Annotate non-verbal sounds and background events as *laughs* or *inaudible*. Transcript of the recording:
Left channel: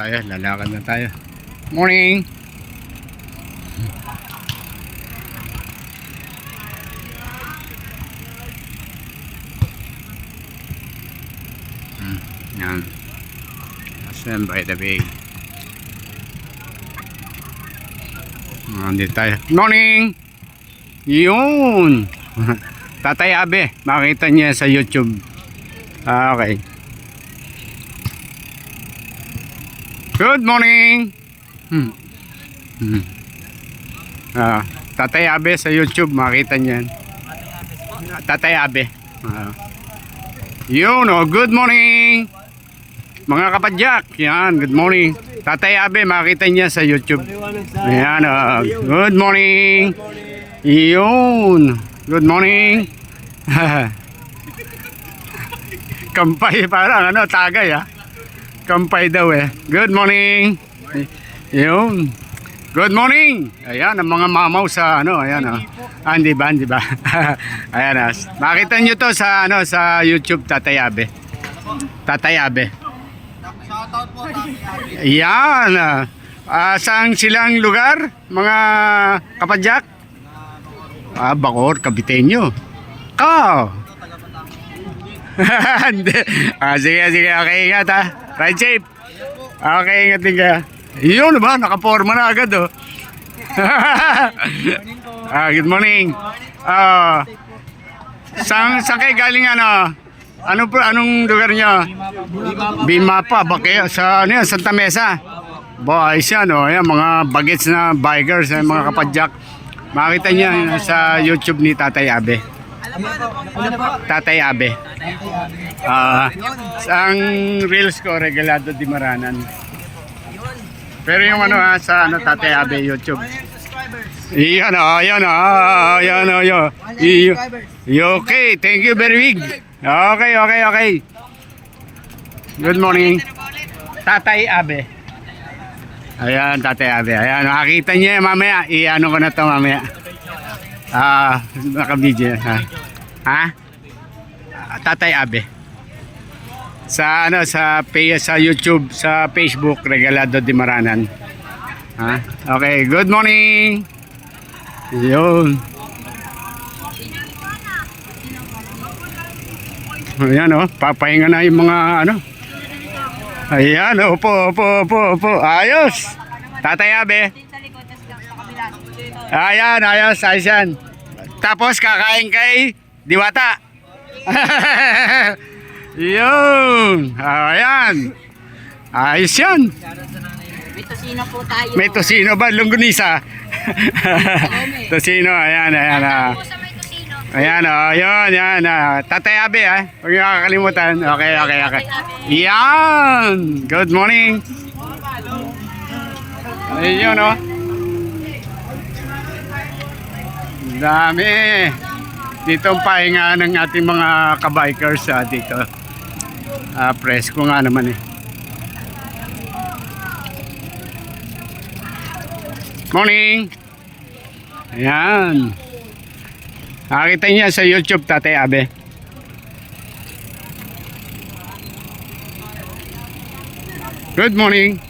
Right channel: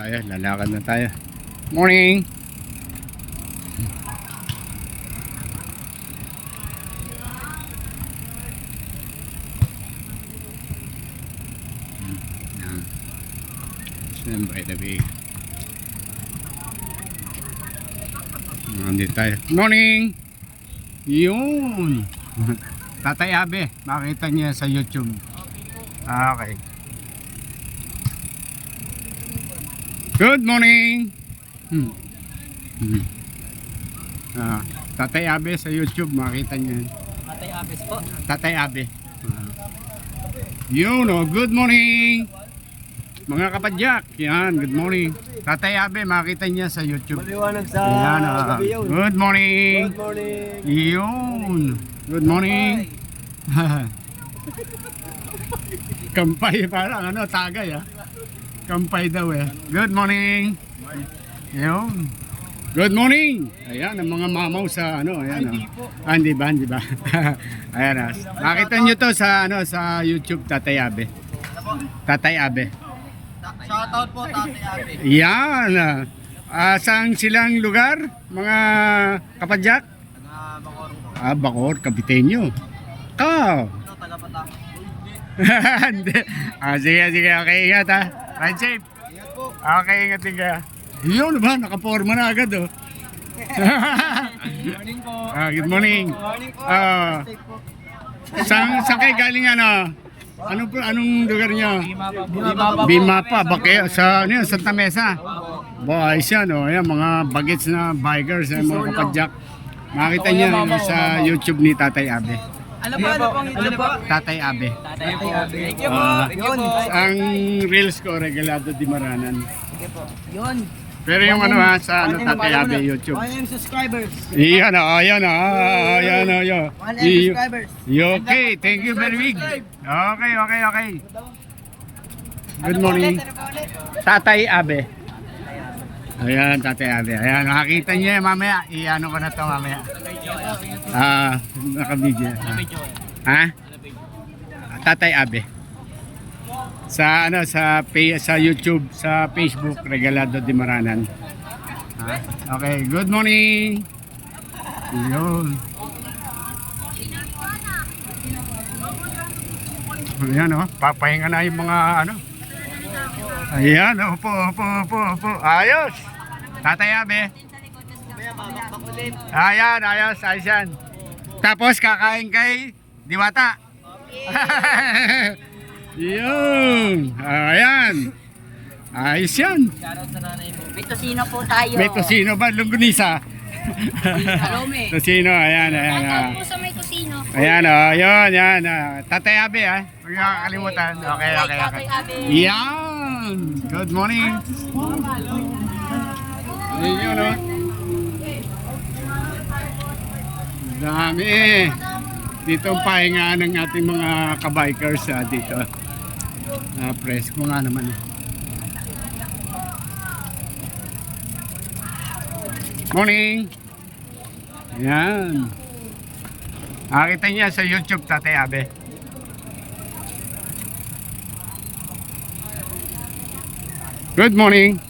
tayo, lalakad na tayo. Morning! Hmm, Yan. Stand by the bay. Nandito tayo. Morning! Yun! *laughs* Tatay Abe, makita niya sa YouTube. Ah, okay. Good morning! Hmm. Hmm. Ah, Tatay Abe sa YouTube, makita niyan. Tatay Abe. Ah. Yun, oh, good morning! Mga kapadyak, yan, good morning. Tatay Abe, makita niya sa YouTube. Ayan, ah, good morning! Yun, good morning! *laughs* Kampay parang ano, tagay ah. Kampay daw eh. Good morning! Yun. Good morning! Ayan, ang mga mamaw sa ano, ayan ah. Ah, hindi ba, hindi ba? *laughs* ayan ah. Makita nyo to sa ano, sa YouTube, Tatay Abe. Tatay Abe. Shoutout po, Tati Abi. Ayan. ah. Ah, saan silang lugar? Mga kapadyak? Ah, Bacor, Kabitenyo. Ka. Taga Batang. *laughs* Hindi. ah, sige, sige. Okay, ingat ha. Ride safe. Okay, ingat din ka. Yun ba? Nakaporma na agad oh. Morning po. *laughs* ah, good morning. Ah, saan, saan kayo galing ano? Ano po, anong lugar nyo? Bima pa po. Bima pa. Bima pa, bakit? Sa ano yan, Santa Mesa? Ba, ayos yan, oh. Ayan, mga bagets na bikers, mga kapadyak. Makita niya sa YouTube ni Tatay Abe. Ano po? Ano po? Tatay Abe. Tati Abi. Ah, ang reels ko, regalado di maranan. Yun. Pero yung ano ha, sa ano, Tatay Abe YouTube. 1 million subscribers. Iyan oh, ayan oh, ayan oh, yo. 1 million subscribers. Okay, thank you very big. Okay, okay, okay. Good morning. Tatay Abe. Ayan, Tatay Abe. Ayan, nakakita niya mamaya. I-ano ko na to mamaya. Ah, naka-video. Ha? ha? Tatay Abe. Sa ano sa pay, sa YouTube, sa Facebook Regalado di Maranan. Ha? Okay, good morning. Yun. Ayan oh, papahinga na yung mga ano. Ayan, opo, opo, opo, opo. Ayos. Tatay Abe. Ayan, ayos, ayos yan. Tapos kakain kay Diwata. *laughs* Yun. Ayan. Ayos yan. May tosino po tayo. May tosino ba? Lunggunisa? *laughs* tosino, ayan, ayan. ah. Ayan, oh, yun, yan. ah. Tatay Abe, ah. Huwag niyo kakalimutan. Okay, okay, okay. Yan! Good morning. Ayun, oh. Dami. Dito ang pahinga ng ating mga kabikers ah, dito. Ah, presko nga naman eh. Morning! Ayan. Nakita niya sa YouTube, Tatay Abe. Good morning.